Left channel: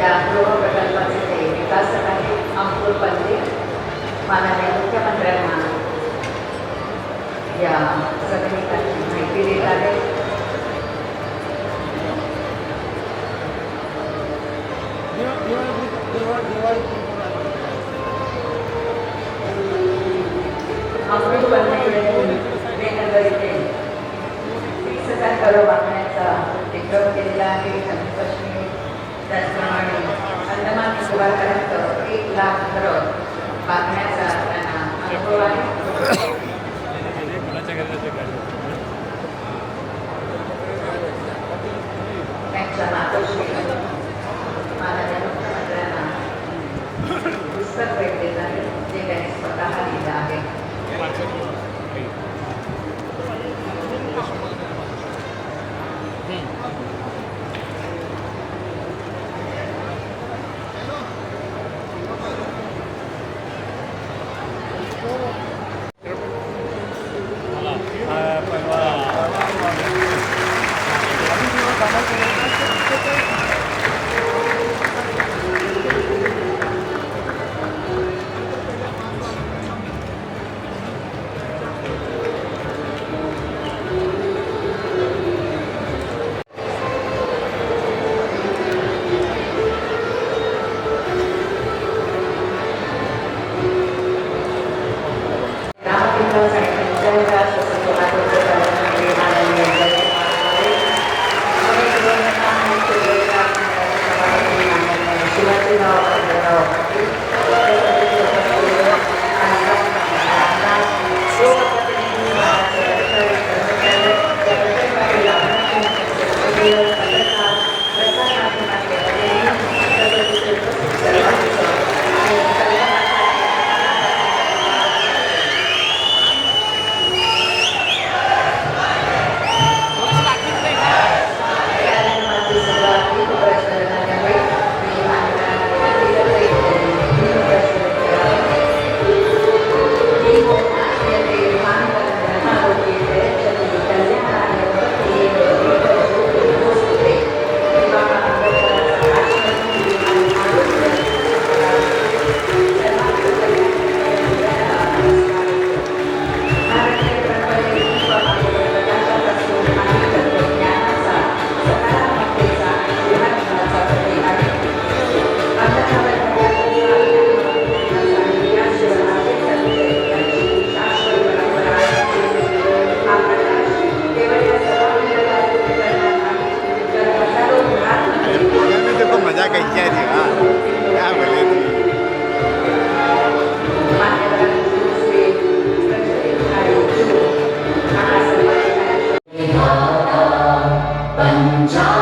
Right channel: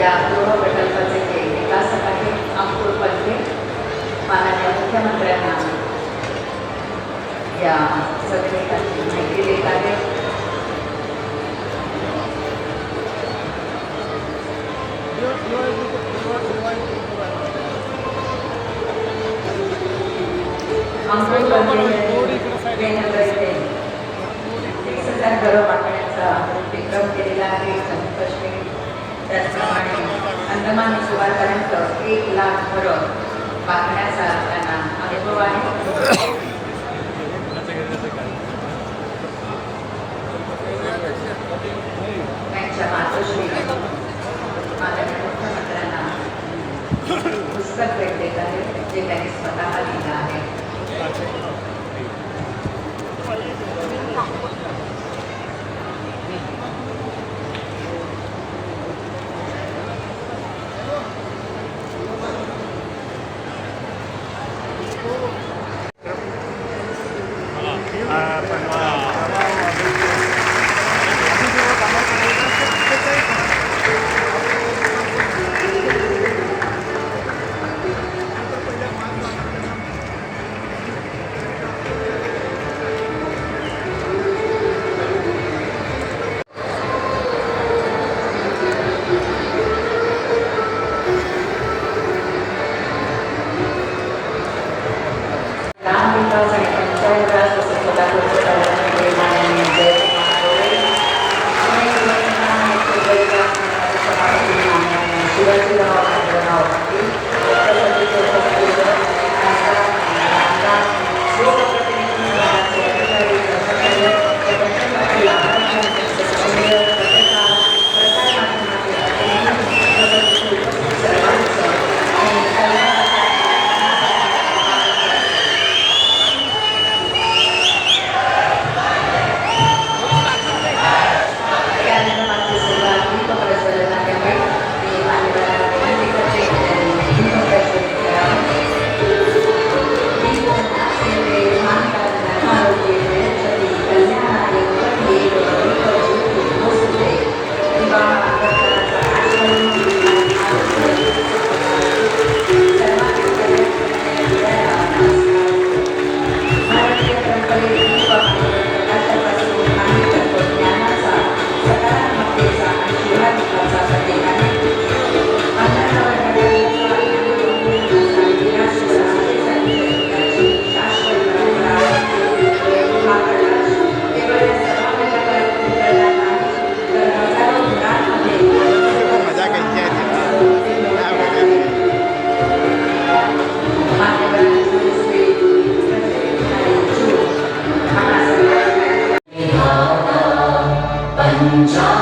या 자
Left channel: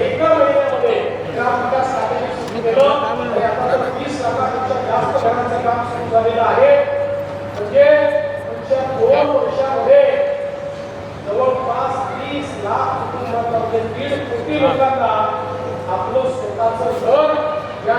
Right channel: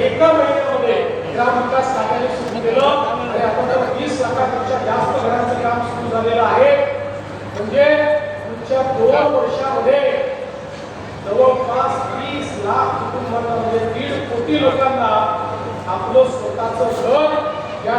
एका महिन्यामध्ये ग्रामविकास खात्याने सुरू केलं वीस लाखापेक्षा जास्त घरांचं काम सुरू झालेलं आहे म्हणजे पुढच्या दोन वर्षामध्ये जवळपास वीस लाख कुटुंबांमध्ये दीड कोटी लोकांना आपलं स्वतःचं घर या